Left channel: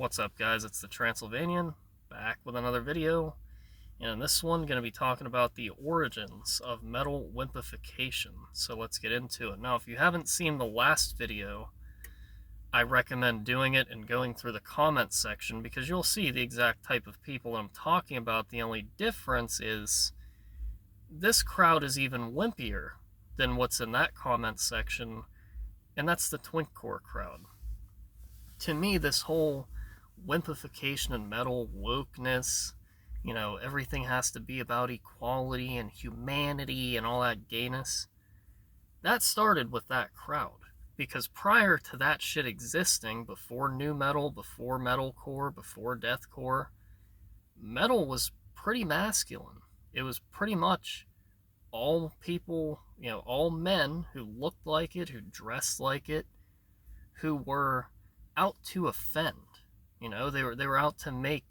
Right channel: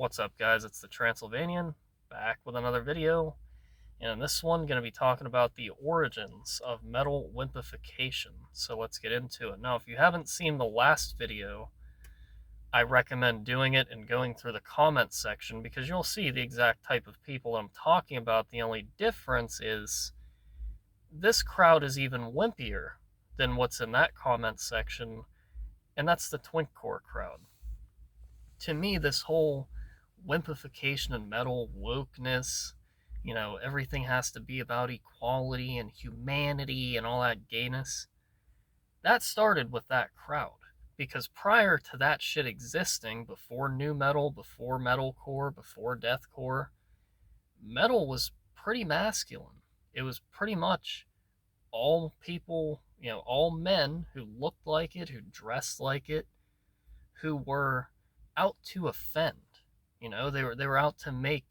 What's up, guys? It's the Transylvanian, back with another video, and in this one, going to be talking about the origins of metal wimpification. So let's get into it. Now, if you haven't seen the last video, I recommend doing it and going through the comments section because you'll see the exact type of people I'm talking about. The only difference is this crowd is even wimpier than what's in that comment section, and that's the twinkcore crowd. To me, this whole wimpification and metal wokeness, everything has to be about equality and humanity and all that gayness, that started with that crowd. Because prior to that shit existing, before nu metal, before metalcore, before deathcore, metal was pretty masculine. It was pretty much all people, all men who looked like it, who dressed like it, who were out to offend. They were out to make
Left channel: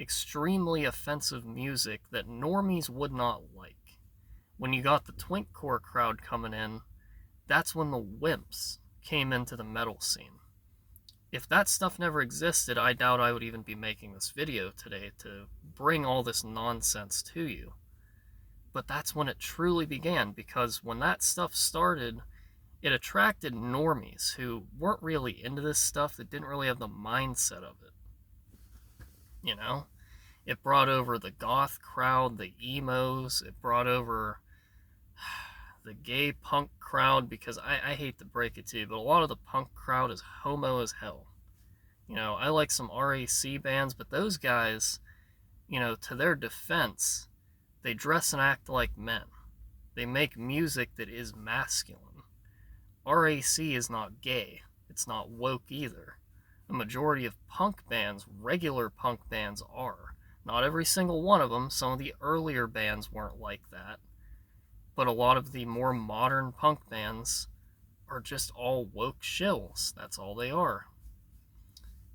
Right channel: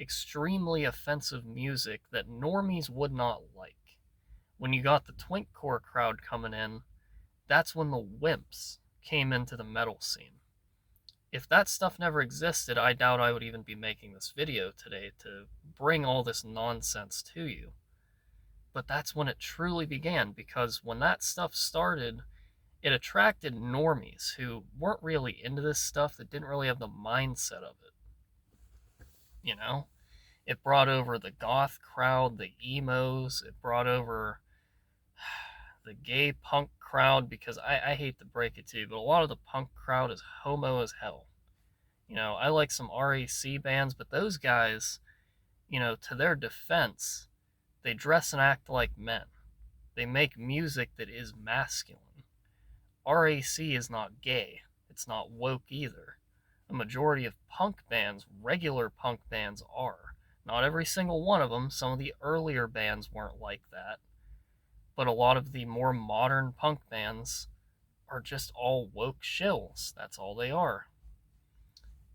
extremely offensive music that normies would not like. When you got the twinkcore crowd coming in, that's when the wimps came into the metal scene. If that stuff never existed, I doubt I would even be making this video today to bring all this nonsense to you. But that's when it truly began, because when that stuff started, it attracted normies who weren't really into this stuff, that didn't really have the mindset of it. It brought over the goth crowd, the emos, it brought over the gay punk crowd, because I hate to break it to you, but a lot of the punk crowd is homo as hell. I like some RAC bands, but those guys, to their defense, they dress and act like men. They make music that is masculine. RAC is not gay. It's not woke either. The majority of punk bands, regular punk bands, are. Not every single one of them. Some of the earlier bands weren't like that. But a lot of the more modern punk bands are just all woke shills. That's all they are.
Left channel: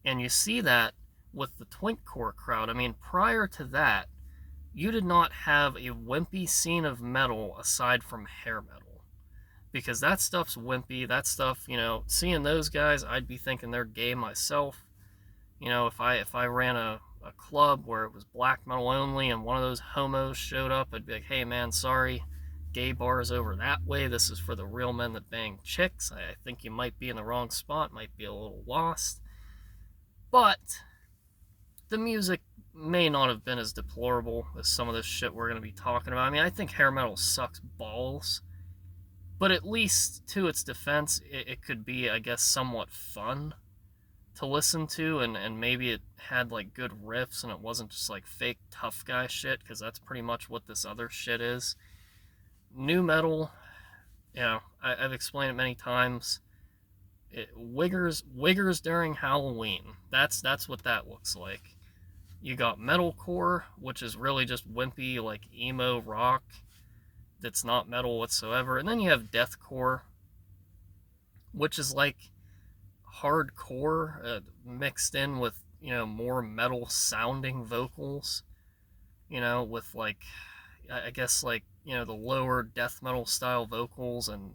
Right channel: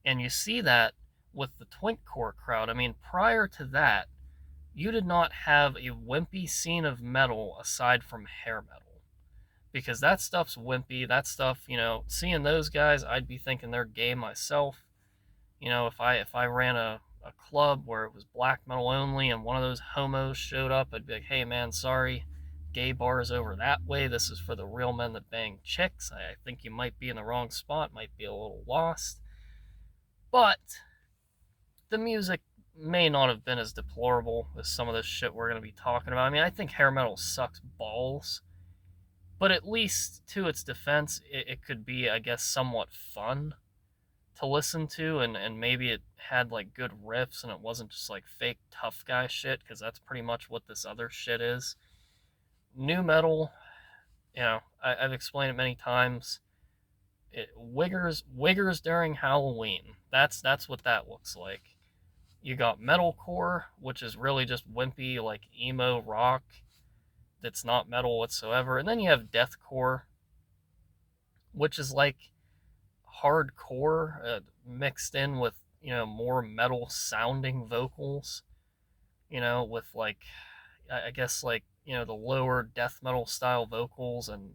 And you see that with the twinkcore crowd. I mean, prior to that, you did not have a wimpy scene of metal aside from hair metal. Because that stuff's wimpy. That stuff, seeing those guys, I'd be thinking they're gay myself. If I ran a club where it was black metal only and one of those homos showed up, I'd be like, hey man, sorry, gay bar is over that way. This is for the real men that bang chicks. I think you might be in the wrong spot, might be a little lost. But the music may not have been as deplorable as some of this shit we're going to be talking about. I mean, I think hair metal sucks balls. But at least, to its defense, it could be, I guess, somewhat fun to listen to, and maybe it had, like, good riffs, and it wasn't just, like, fake tough guy shit, because that's pretty much what this other shit is. Nu metal, I've explained it many times. Wiggers during Halloween. That's what that looks like. You got metalcore, which is really just wimpy, like, emo rock that's not metal whatsoever. And then you have deathcore, which is like hardcore mixed in with, more metal sounding vocals, with like, I guess like, the lower death metal style vocals, and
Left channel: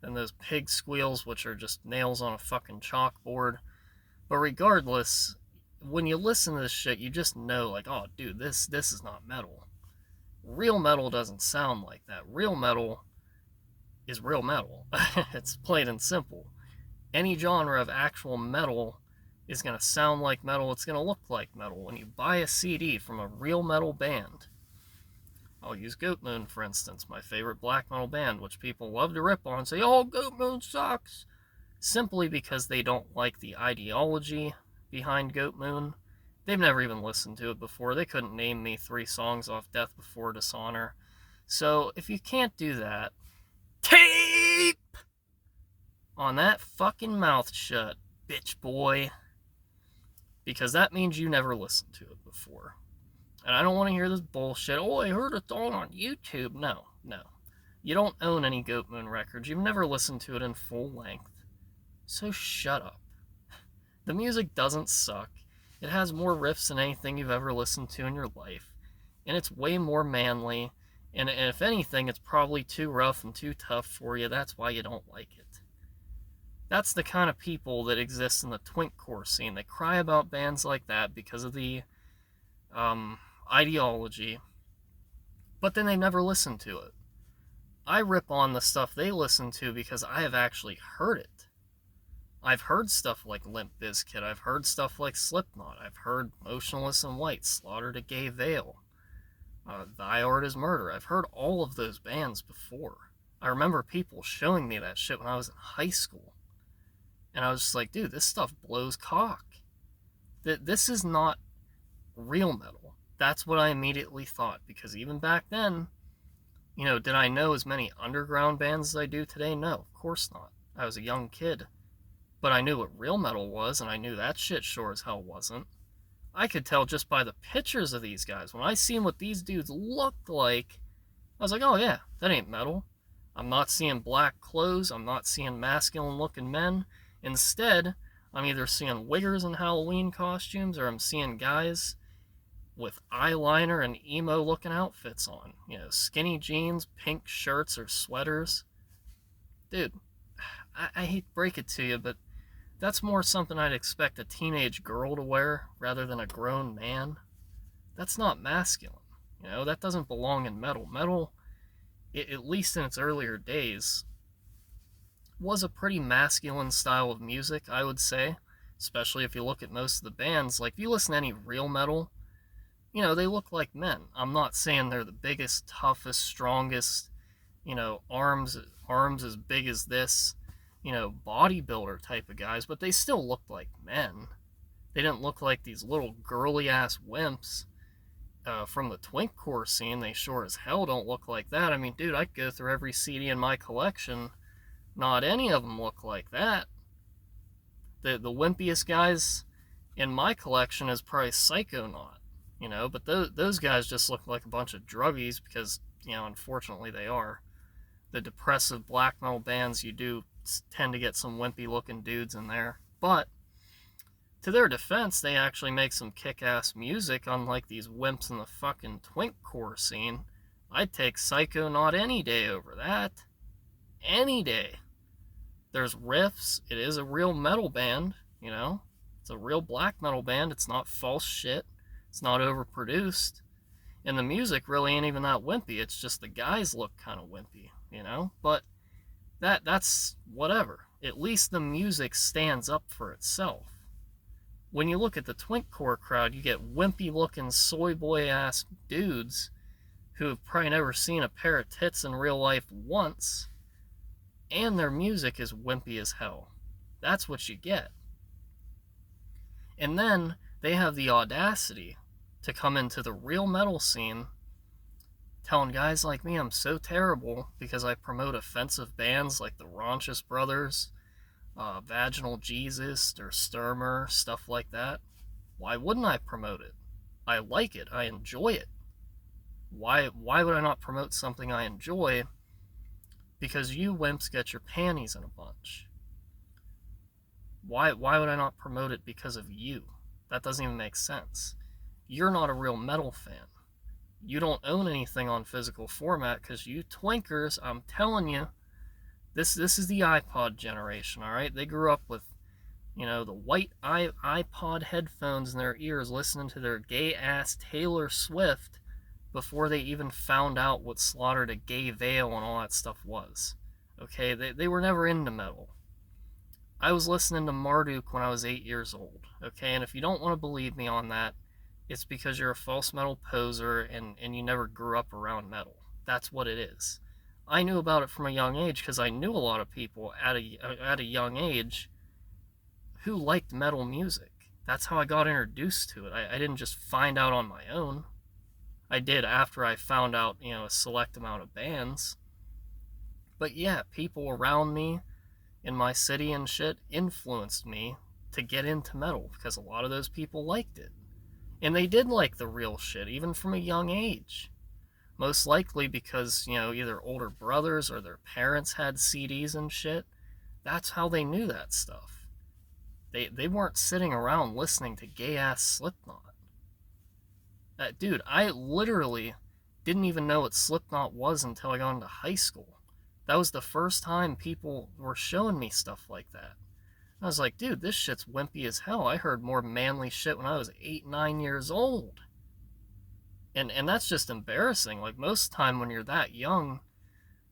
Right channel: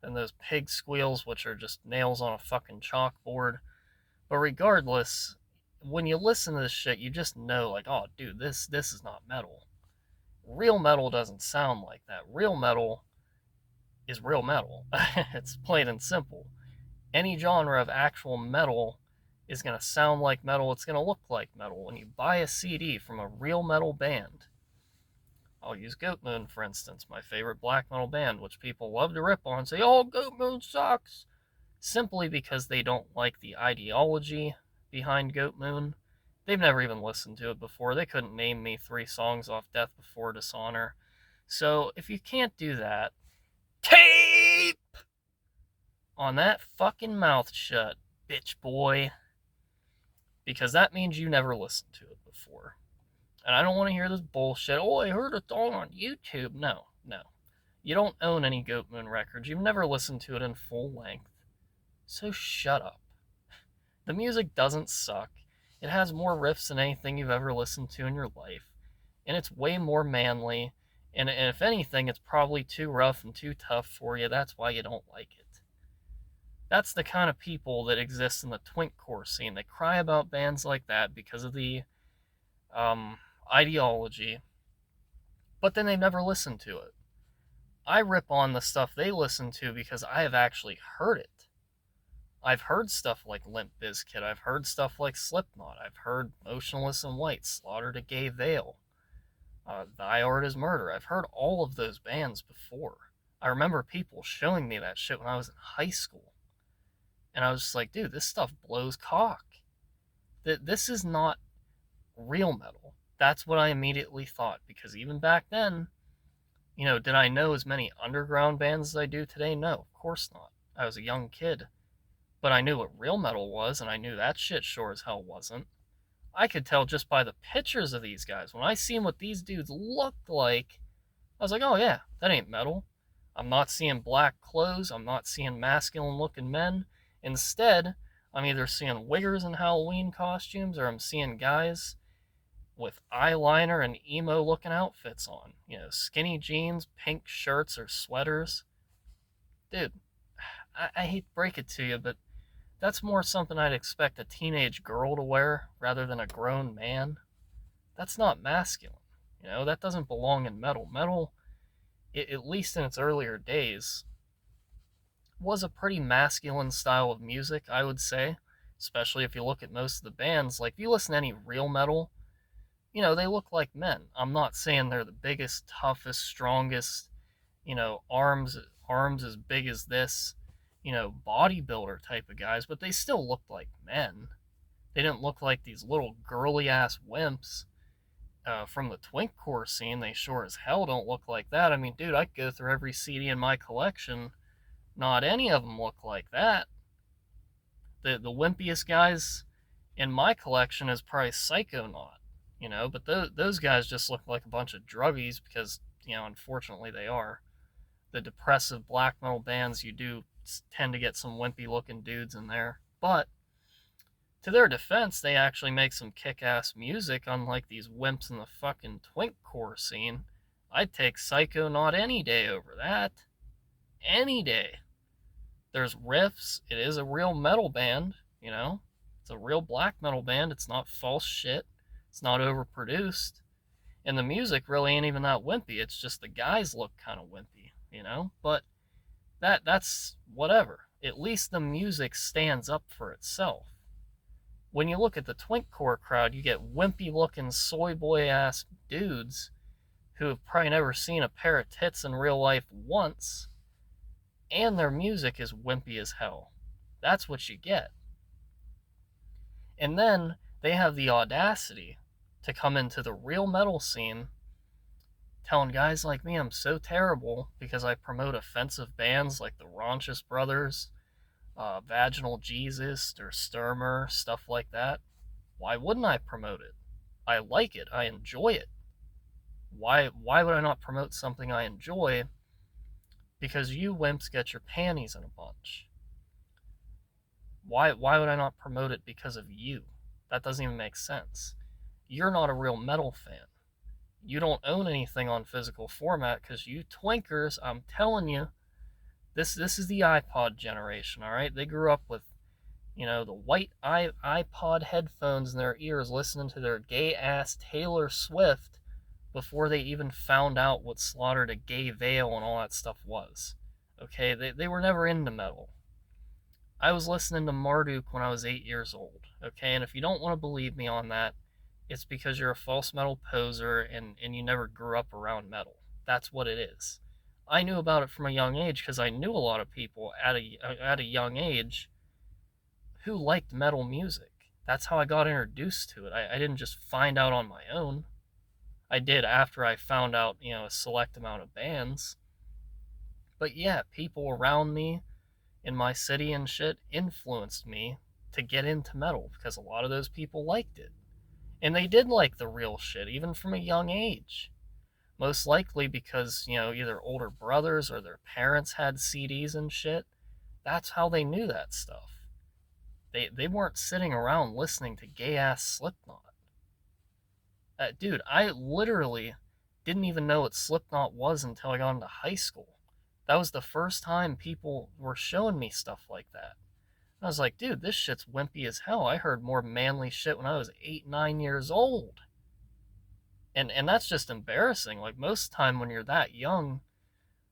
those pig squeals, which are just nails on a fucking chalkboard. But regardless, when you listen to this shit, you just know, like, oh dude, this is not metal. Real metal doesn't sound like that. Real metal is real metal. It's plain and simple. Any genre of actual metal is going to sound like metal. It's going to look like metal. When you buy a CD from a real metal band, I'll use Goatmoon, for instance, my favorite black metal band, which people love to rip on and say, oh, Goatmoon sucks, simply because they don't like the ideology behind Goatmoon. They've never even listened to it before. They couldn't name me 3 songs off Death Before Dishonor. So if you can't do that, tape on that fucking mouth shut, bitch boy. Because that means you never listened to it before. And I don't want to hear this bullshit. Oh, I heard it all on YouTube. No. You don't own any Goatmoon records. You've never listened to it in full length. So shut up. The music doesn't suck. It has more riffs than anything you've ever listened to in your life. And it's way more manly. And if anything, it's probably too rough and too tough for you. That's why you don't like it. That's the kind of people that exist in the twinkcore scene. They cry about bands like that because of the um, ideology, but then they never listen to it. I rip on the stuff they listen to because I have actually heard it. I've heard stuff like Limp Bizkit. I've heard stuff like Slipknot. I've heard Motionless in White, Slaughter to Gay Veil, Thy Art is Murder. I've heard all of those bands before. I remember people showing me that shit when I was in high school. And I was just like, dude, this stuff blows cock. This is not real metal. That's what I immediately thought. Because even back then, did I know as many underground bands as I do today? No, of course not. I was a young kid. But I knew what real metal was, and I knew that shit sure as hell wasn't. I could tell just by the pictures of these guys. When I seen what these dudes looked like, I was like, oh yeah, that ain't metal. I'm not seeing black clothes. I'm not seeing masculine looking men. Instead, I'm either seeing wiggers in Halloween costumes or I'm seeing guys with eyeliner and emo looking outfits on. Skinny jeans, pink shirts or sweaters. Dude, I hate to break it to you, but that's more something I'd expect a teenage girl to wear rather than a grown man. That's not masculine. That doesn't belong in metal. Metal, at least in its earlier days, was a pretty masculine style of music, I would say. Especially if you look at most of the bands. Like, if you listen to any real metal, they look like men. I'm not saying they're the biggest, toughest, strongest, arms as big as this, bodybuilder type of guys, but they still looked like men. They didn't look like these little girly ass wimps from the twinkcore scene. They sure as hell don't look like that. I mean, dude, I could go through every CD in my collection. Not any of them look like that. The wimpiest guys in my collection is probably Psychonaut, but those guys just look like a bunch of druggies because, unfortunately they are. The depressive black metal bands, you do tend to get some wimpy looking dudes in there. But to their defense, they actually make some kick-ass music, unlike these wimps in the fucking twinkcore scene. I'd take Psychonaut any day over that. Any day. There's riffs. It is a real metal band, It's a real black metal band. It's not false shit. It's not overproduced. And the music really ain't even that wimpy. It's just the guys look kind of wimpy, But that's whatever. At least the music stands up for itself. When you look at the twinkcore crowd, you get wimpy looking soy boy ass dudes who have probably never seen a pair of tits in real life once, and their music is wimpy as hell. That's what you get. And then they have the audacity to come into the real metal scene telling guys like me I'm so terrible because I promote offensive bands like the Raunchous Brothers, Vaginal Jesus, or Sturmer, stuff like that. Why wouldn't I promote it? I like it. I enjoy it. Why would I not promote something I enjoy? Because you wimps get your panties in a bunch. Why would I not promote it because of you? That doesn't even make sense. You're not a real metal fan. You don't own anything on physical format because you twinkers, I'm telling you, this is the iPod generation, all right? They grew up with, the white iPod headphones in their ears listening to their gay-ass Taylor Swift before they even found out what Slaughter to Gay Veil and all that stuff was. Okay, they were never into metal. I was listening to Marduk when I was 8 years old, okay? And if you don't want to believe me on that, it's because you're a false metal poser and you never grew up around metal. That's what it is. I knew about it from a young age because I knew a lot of people at a young age who liked metal music. That's how I got introduced to it. I didn't just find out on my own. I did after I found out, a select amount of bands. But yeah, people around me in my city and shit influenced me to get into metal because a lot of those people liked it. And they did like the real shit, even from a young age. Most likely because, either older brothers or their parents had CDs and shit. That's how they knew that stuff. They weren't sitting around listening to gay-ass Slipknot. Dude, I literally didn't even know what Slipknot was until I got into high school. That was the first time people were showing me stuff like that. And I was like, dude, this shit's wimpy as hell. I heard more manly shit when I was 8, 9 years old. And that's just embarrassing. Like, most of the time when you're that young,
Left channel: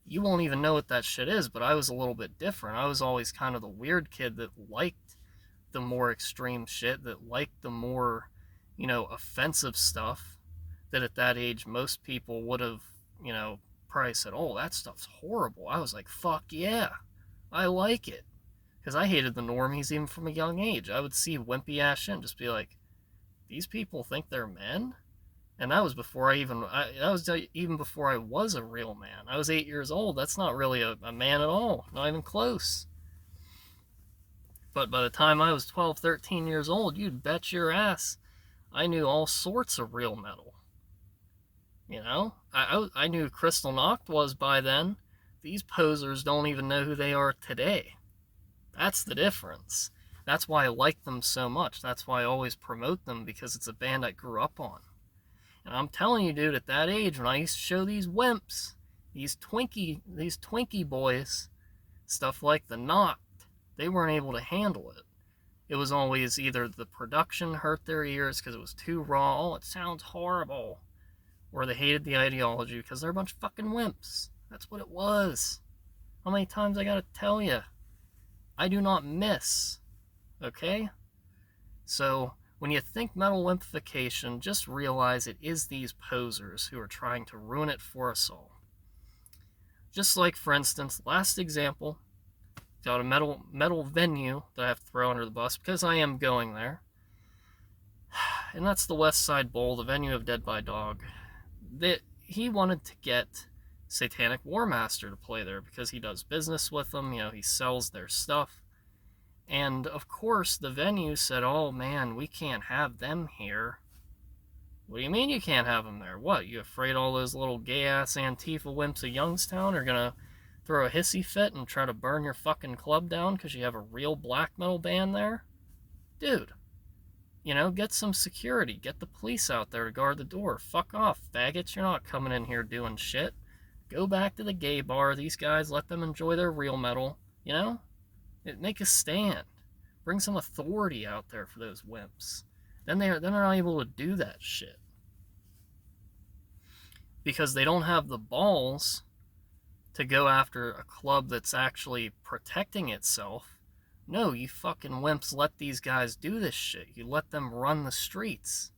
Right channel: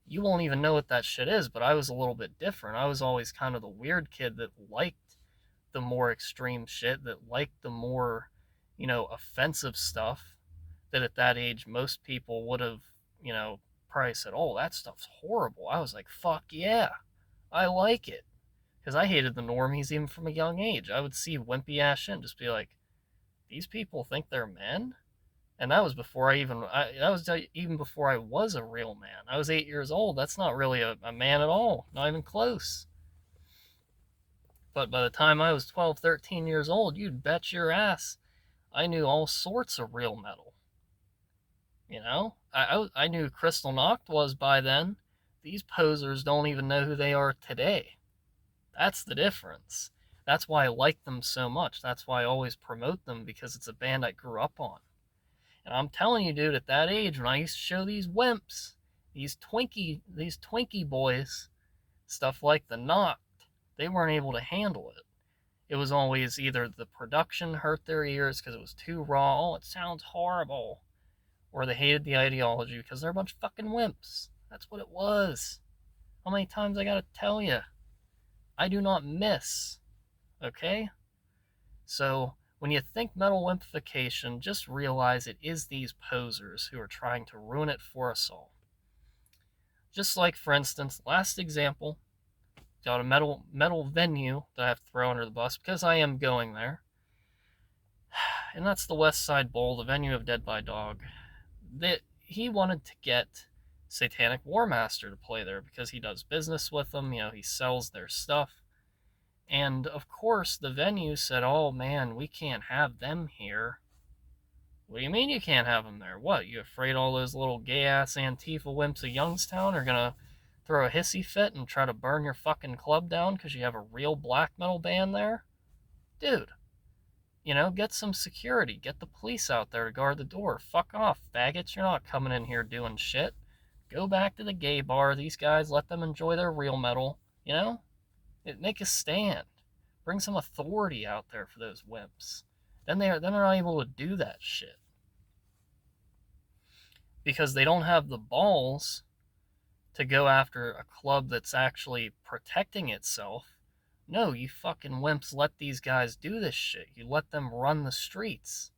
you won't even know what that shit is. But I was a little bit different. I was always kind of the weird kid that liked the more extreme shit, that liked the more, offensive stuff, that at that age most people would have, probably said, oh, that stuff's horrible. I was like, fuck yeah, I like it. Because I hated the normies even from a young age. I would see wimpy ass shit and just be like, these people think they're men? And that was before even before I was a real man. I was 8 years old. That's not really a man at all. Not even close. But by the time I was 12, 13 years old, you'd bet your ass I knew all sorts of real metal. I knew Crystal Noct was by then. These posers don't even know who they are today. That's the difference. That's why I like them so much. That's why I always promote them, because it's a band I grew up on. And I'm telling you, dude, at that age, when I used to show these wimps, these Twinkie boys, stuff like the Noct, they weren't able to handle it. It was always either the production hurt their ears because it was too raw, oh, it sounds horrible, or they hated the ideology because they're a bunch of fucking wimps. That's what it was. How many times I gotta tell you? I do not miss. Okay? So, when you think metal wimpification, just realize it is these posers who are trying to ruin it for us all. Just like, for instance, last example, got a metal venue that I have to throw under the bus because I am going there. And that's the West Side Bowl, the venue of Dead by Dog. He wanted to get Satanic Warmaster to play there because he does business with them, he sells their stuff. And of course, the venue said, oh man, we can't have them here. What do you mean you can't have them there? What, you afraid all those little gay-ass Antifa wimps of Youngstown are gonna throw a hissy fit and try to burn your fucking club down because you have a real black metal band there? Dude, get some security. Get the police out there to guard the door. Fuck off, faggots. You're not coming in here doing shit. Go back to the gay bar. These guys, let them enjoy their real metal, Make a stand. Bring some authority out there for those wimps. Then they're not able to do that shit. Because they don't have the balls to go after a club that's actually protecting itself. No, you fucking wimps let these guys do this shit. You let them run the streets.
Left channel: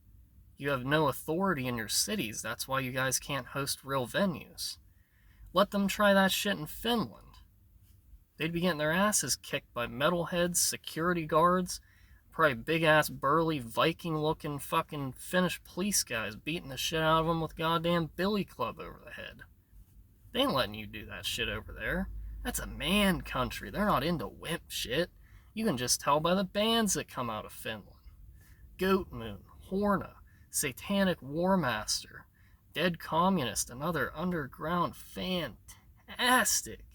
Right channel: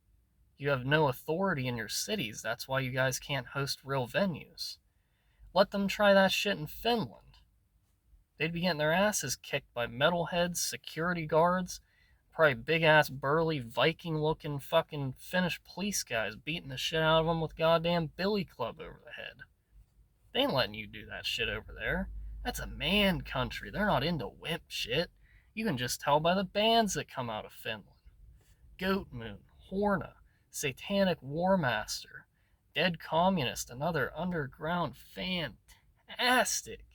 You have no authority in your cities. That's why you guys can't host real venues. Let them try that shit in Finland. They'd be getting their asses kicked by metalheads, security guards, probably big-ass, burly, Viking-looking fucking Finnish police guys beating the shit out of them with goddamn billy club over the head. They ain't letting you do that shit over there. That's a man country. They're not into wimp shit. You can just tell by the bands that come out of Finland. Goatmoon, Horna, Satanic Warmaster, Dead Communist, another underground fantastic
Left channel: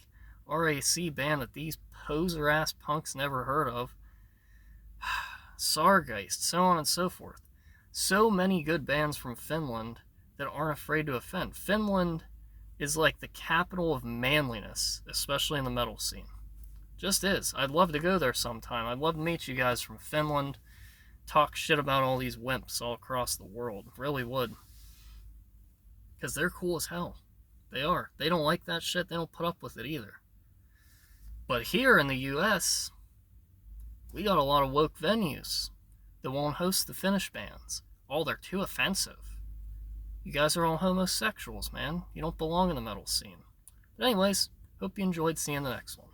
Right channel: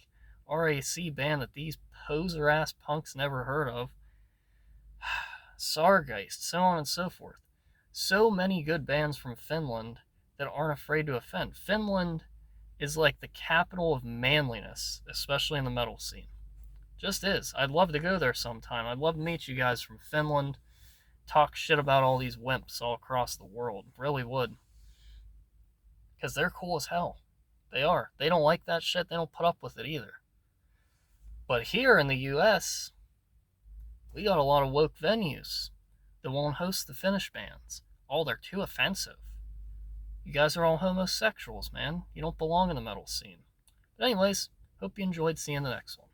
RAC band that these poser-ass punks never heard of. Sargeist, so on and so forth. So many good bands from Finland that aren't afraid to offend. Finland is like the capital of manliness, especially in the metal scene. Just is. I'd love to go there sometime. I'd love to meet you guys from Finland, talk shit about all these wimps all across the world. Really would. Because they're cool as hell. They are. They don't like that shit. They don't put up with it either. But here in the US, we got a lot of woke venues that won't host the Finnish bands. Oh, they're too offensive. You guys are all homosexuals, man. You don't belong in the metal scene. But anyways, hope you enjoyed seeing the next one.